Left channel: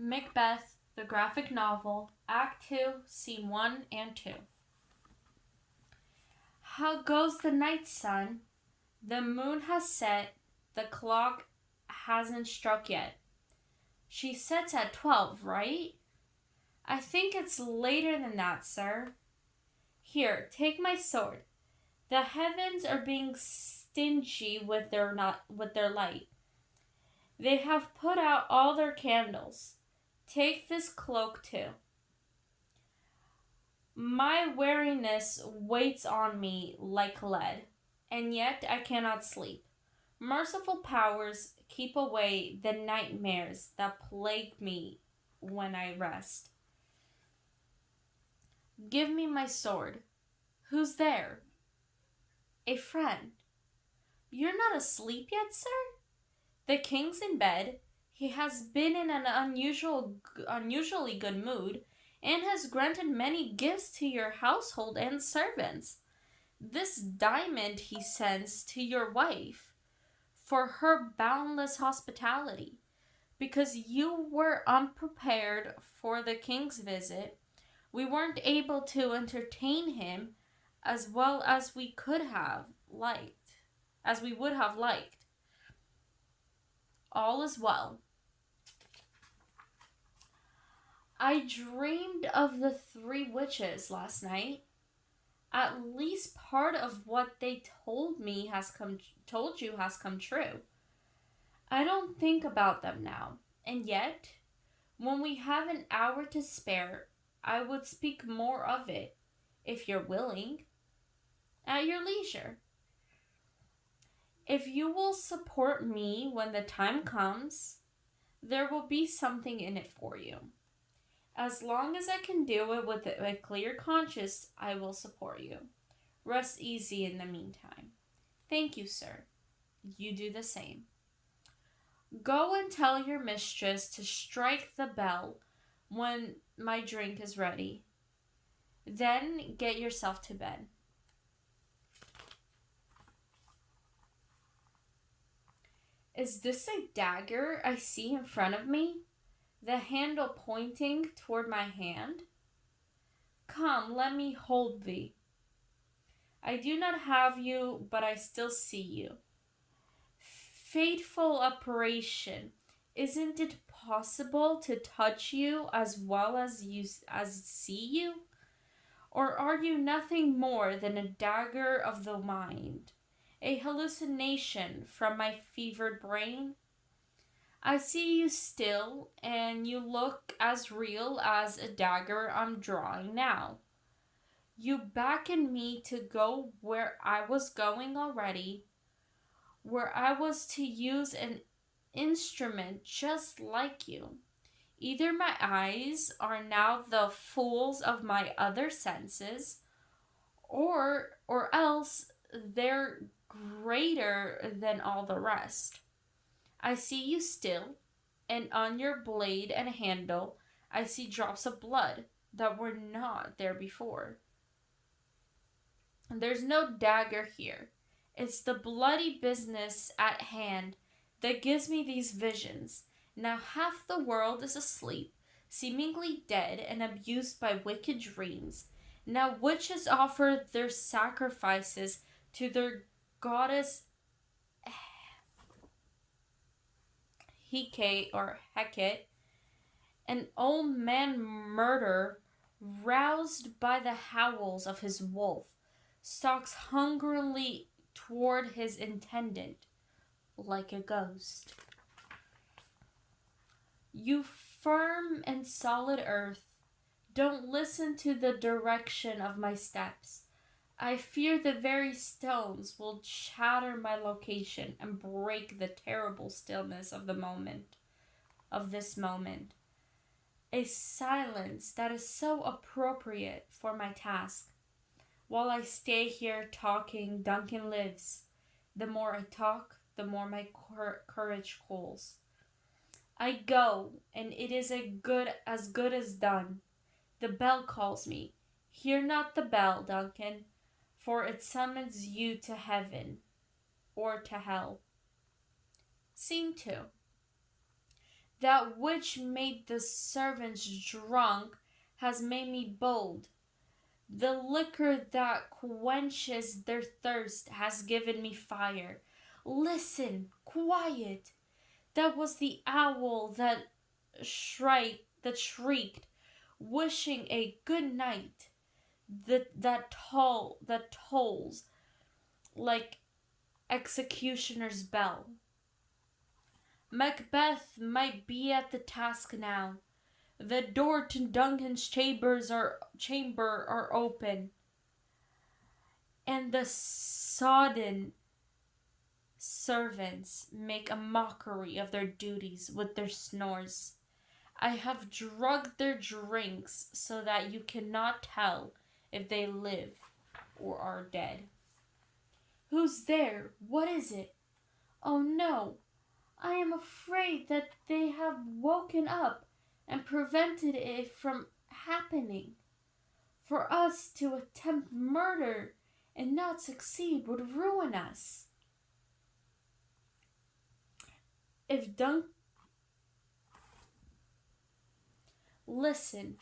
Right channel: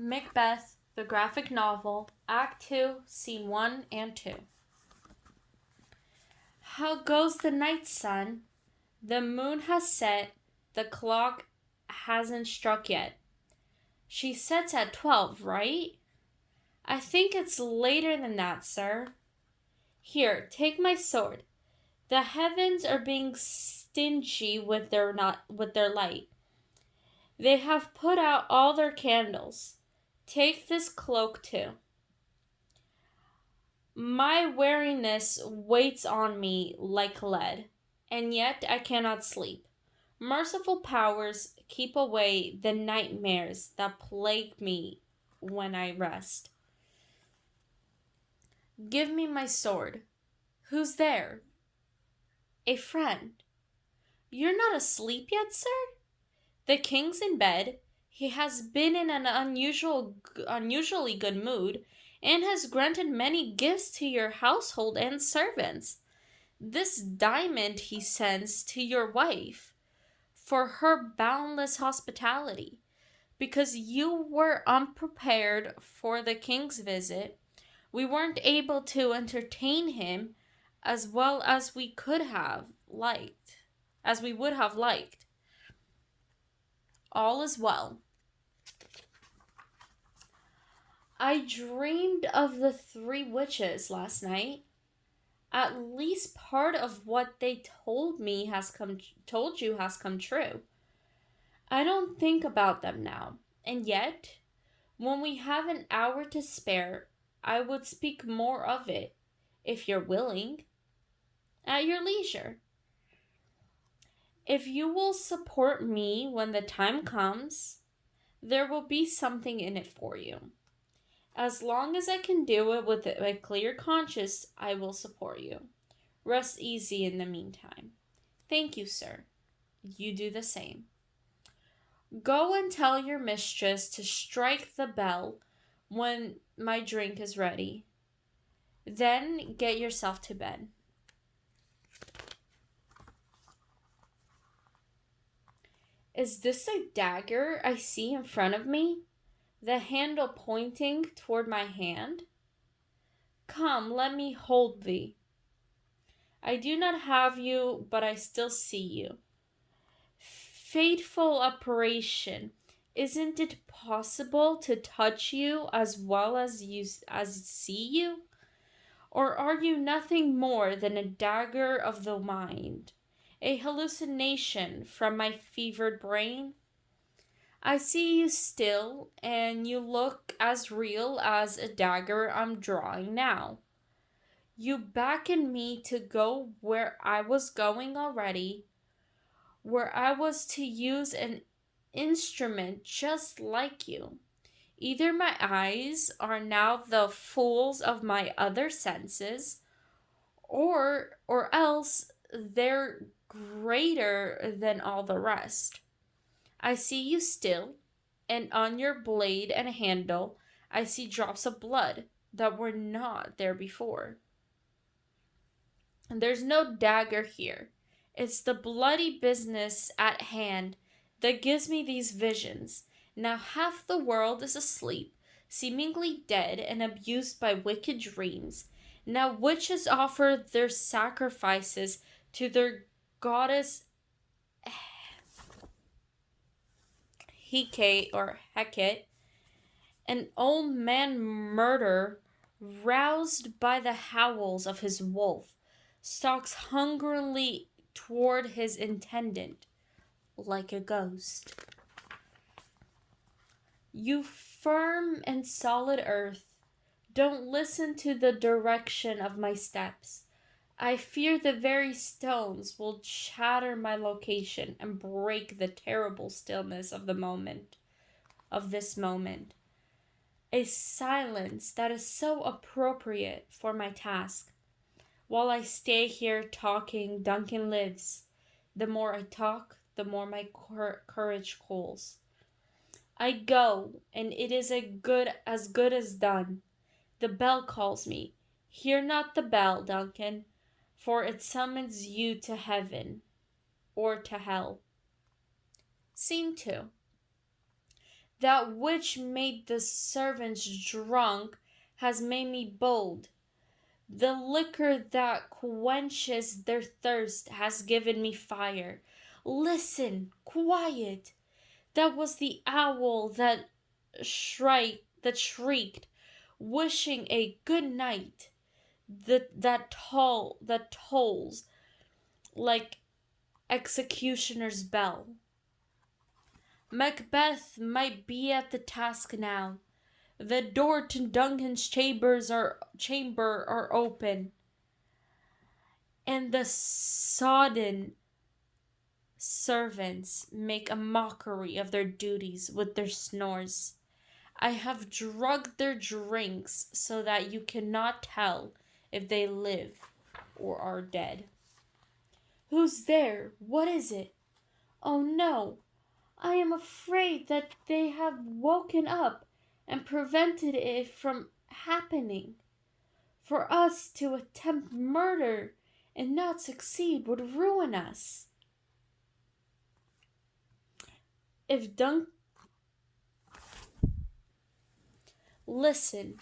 Macbeth, the graphic novel, Act 2, Scene 1 and 2. How goes the night, son? The moon has set, the clock hasn't struck yet. She sets at 12, right? I think it's later than that, sir. Here, take my sword. The heavens are being stingy with their light. They have put out all their candles. Take this cloak too. My weariness weighs on me like lead, and yet I cannot sleep. Merciful powers, keep away the nightmares that plague me when I rest. Give me my sword. Who's there? A friend. You're not asleep yet, sir? The king's in bed. He has been in an unusually good mood, and has granted many gifts to your household and servants. This diamond he sends to your wife for her boundless hospitality. Because you were unprepared for the king's visit, we weren't able to entertain him as well as we could have liked, as we would have liked. All is well. I dreamed of the three witches last night. At least part of what they told you has come true. I don't think about them now, and yet, when we have an hour to spare, I would speak more of it, if you're willing, at your leisure. If you will support me when the time comes, there will be something in it for you. As long as I can do it with a clear conscience, I will support you. Rest easy in the meantime. Thank you, sir. You do the same. Go and tell your mistress to strike the bell when my drink is ready. Then get yourself to bed. Is this a dagger I see in front of me? The handle pointing toward my hand? Come, let me hold thee. I do not have you, but I still see you. Fateful operation. Isn't it possible to touch you as well as see you? Or are you nothing more than a dagger of the mind, a hallucination from my fevered brain? I see you still, and you look as real as a dagger I'm drawing now. You beckon me to go where I was going already, where I was to use an instrument just like you. Either my eyes are now the fools of my other senses, or else they're greater than all the rest. I see you still, and on your blade and handle I see drops of blood that were not there before. And there's no dagger here. It's the bloody business at hand that gives me these visions. Now half the world is asleep, seemingly dead and abused by wicked dreams. Now witches offer their sacrifices to their goddess Hecate, an old man murder, roused by the howls of his wolf, stalks hungrily toward his intendant like a ghost. You firm and solid earth, don't listen to the direction of my steps. I fear the very stones will shatter my location and break the terrible stillness of this moment. A silence that is so appropriate for my task. While I stay here talking, Duncan lives. The more I talk, the more my courage cools. I go, and it is as good as done. The bell calls me. Hear not the bell, Duncan, for it summons you to heaven or to hell. Scene 2. That which made the servants drunk has made me bold. The liquor that quenches their thirst has given me fire. Listen, quiet. That was the owl that shrieked, wishing a good night. That tolls like executioner's bell. Macbeth might be at the task now. The door to Duncan's chamber are open, and the sodden servants make a mockery of their duties with their snores. I have drugged their drinks so that you cannot tell if they live or are dead. Who's there? What is it? Oh no, I am afraid that they have woken up and prevented it from happening. For us to attempt murder and not succeed would ruin us. If Dunk. Listen,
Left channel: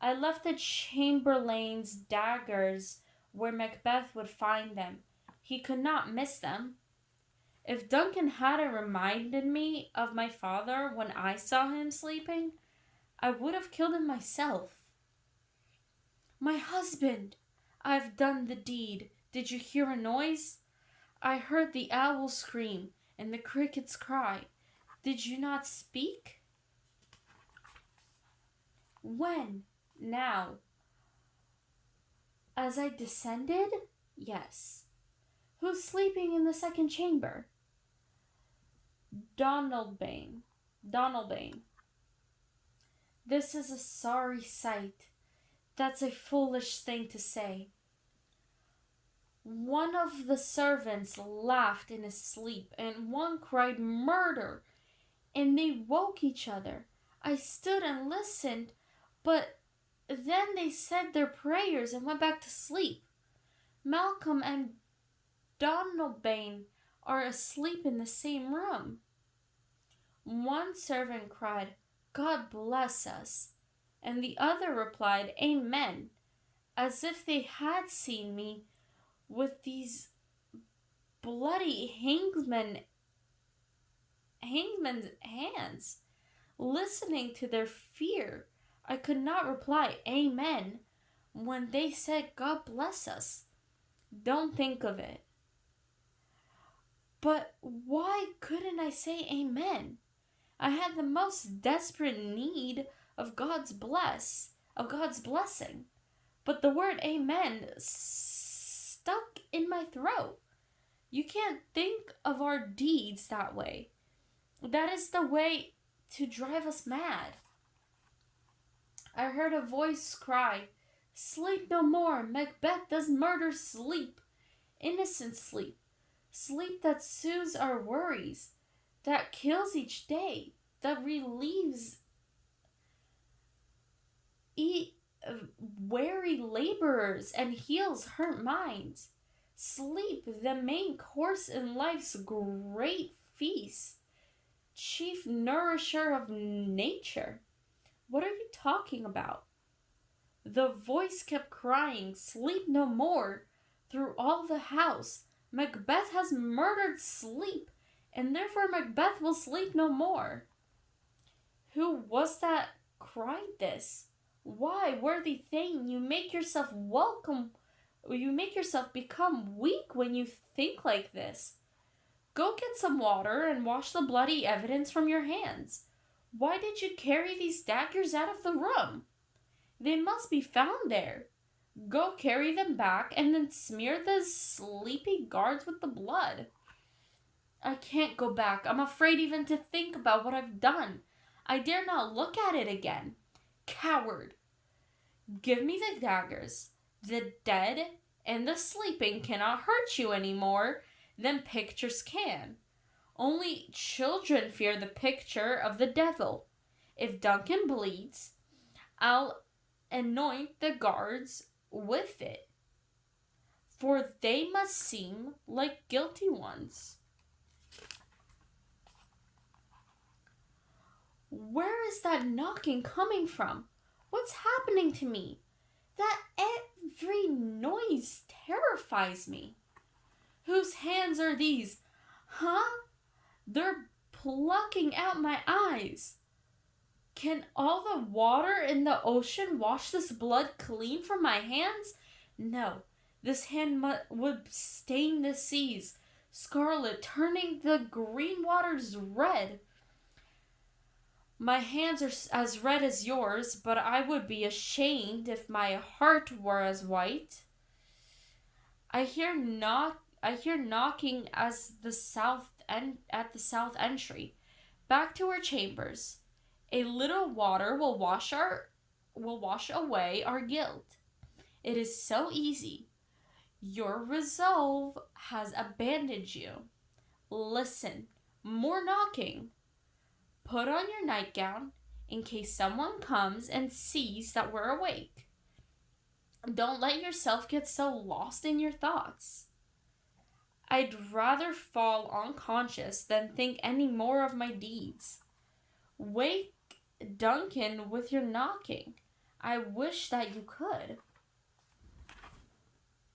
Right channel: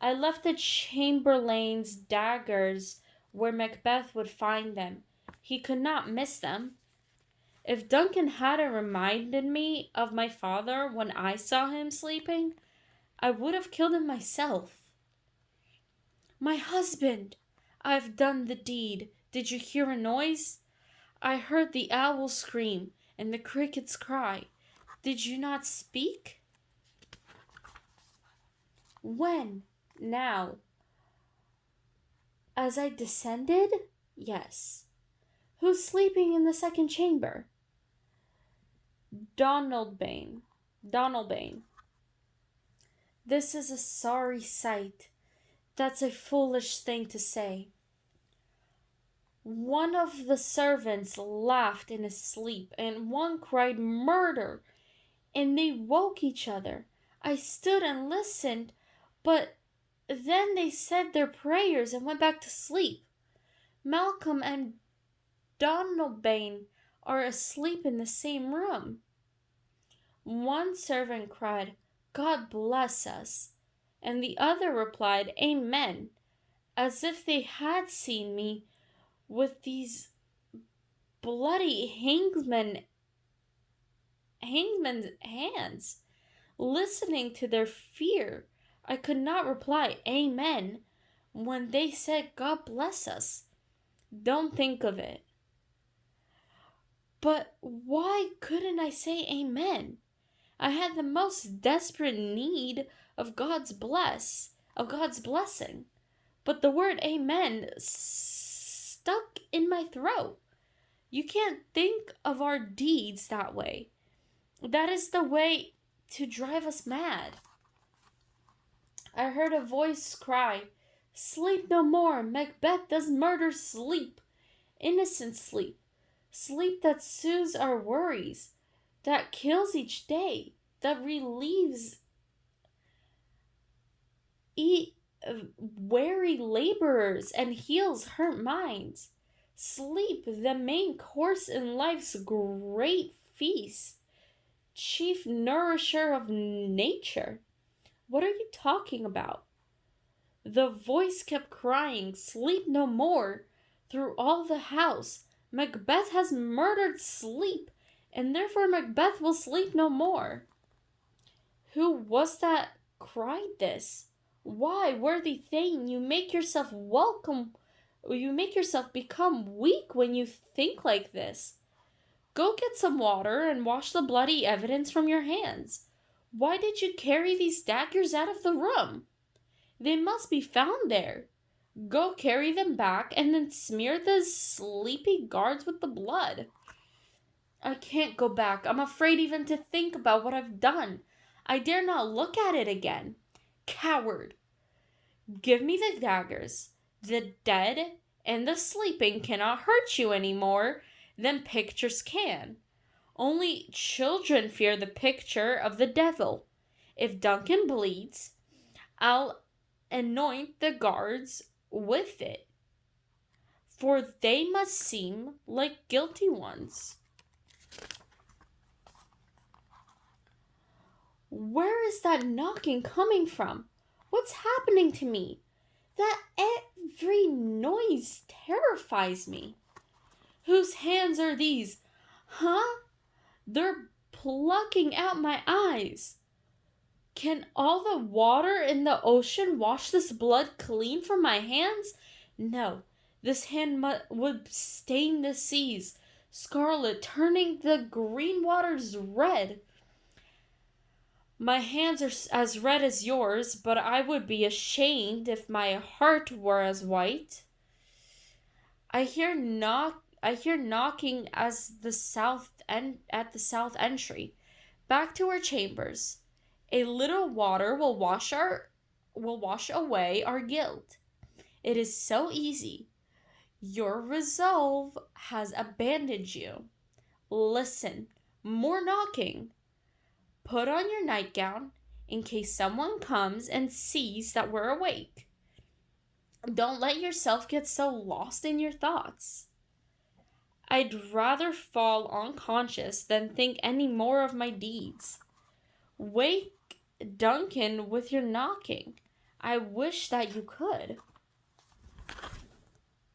I left the chamberlain's daggers where Macbeth would find them. He could not miss them. If Duncan hadn't reminded me of my father when I saw him sleeping, I would have killed him myself. My husband! I've done the deed. Did you hear a noise? I heard the owl scream and the crickets cry. Did you not speak? When? Now. As I descended? Yes. Who's sleeping in the second chamber? Donalbain. This is a sorry sight. That's a foolish thing to say. One of the servants laughed in his sleep, and one cried murder, and they woke each other. I stood and listened, but then they said their prayers and went back to sleep. Malcolm and Donalbain are asleep in the same room. One servant cried, God bless us, and the other replied, Amen, as if they had seen me with these bloody hangman's hands. Listening to their fear, I could not reply Amen when they said God bless us. Don't think of it. But why couldn't I say Amen? I had the most desperate need of God's blessing. But the word Amen stuck in my throat. You can't think of our deeds that way. That is the way to drive us mad. I heard a voice cry, Sleep no more. Macbeth does murder sleep. Innocent sleep. Sleep that soothes our worries, that kills each day, that relieves weary laborers and heals hurt minds. Sleep, the main course in life's great feast, chief nourisher of nature. What are you talking about? The voice kept crying, Sleep no more, through all the house. Macbeth has murdered sleep, and therefore Macbeth will sleep no more. Who was that cried this? Why, worthy Thane, you make yourself become weak when you think like this. Go get some water and wash the bloody evidence from your hands. Why did you carry these daggers out of the room? They must be found there. Go carry them back and then smear the sleepy guards with the blood. I can't go back. I'm afraid even to think about what I've done. I dare not look at it again. Coward! Give me the daggers. The dead and the sleeping cannot hurt you any more than pictures can. Only children fear the picture of the devil. If Duncan bleeds, I'll anoint the guards with it, for they must seem like guilty ones. Where is that knocking coming from? What's happening to me? That every noise terrifies me. Whose hands are these? Huh? They're plucking out my eyes. Can all the water in the ocean wash this blood clean from my hands? No, this hand would stain the seas, scarlet, turning the green waters red. My hands are as red as yours, but I would be ashamed if my heart were as white. I hear knocking at the south entry. Back to our chambers. A little water will wash away our guilt. It is so easy. Your resolve has abandoned you. Listen, more knocking. Put on your nightgown in case someone comes and sees that we're awake. Don't let yourself get so lost in your thoughts. I'd rather fall unconscious than think any more of my deeds. Wake Duncan with your knocking. I wish that you could.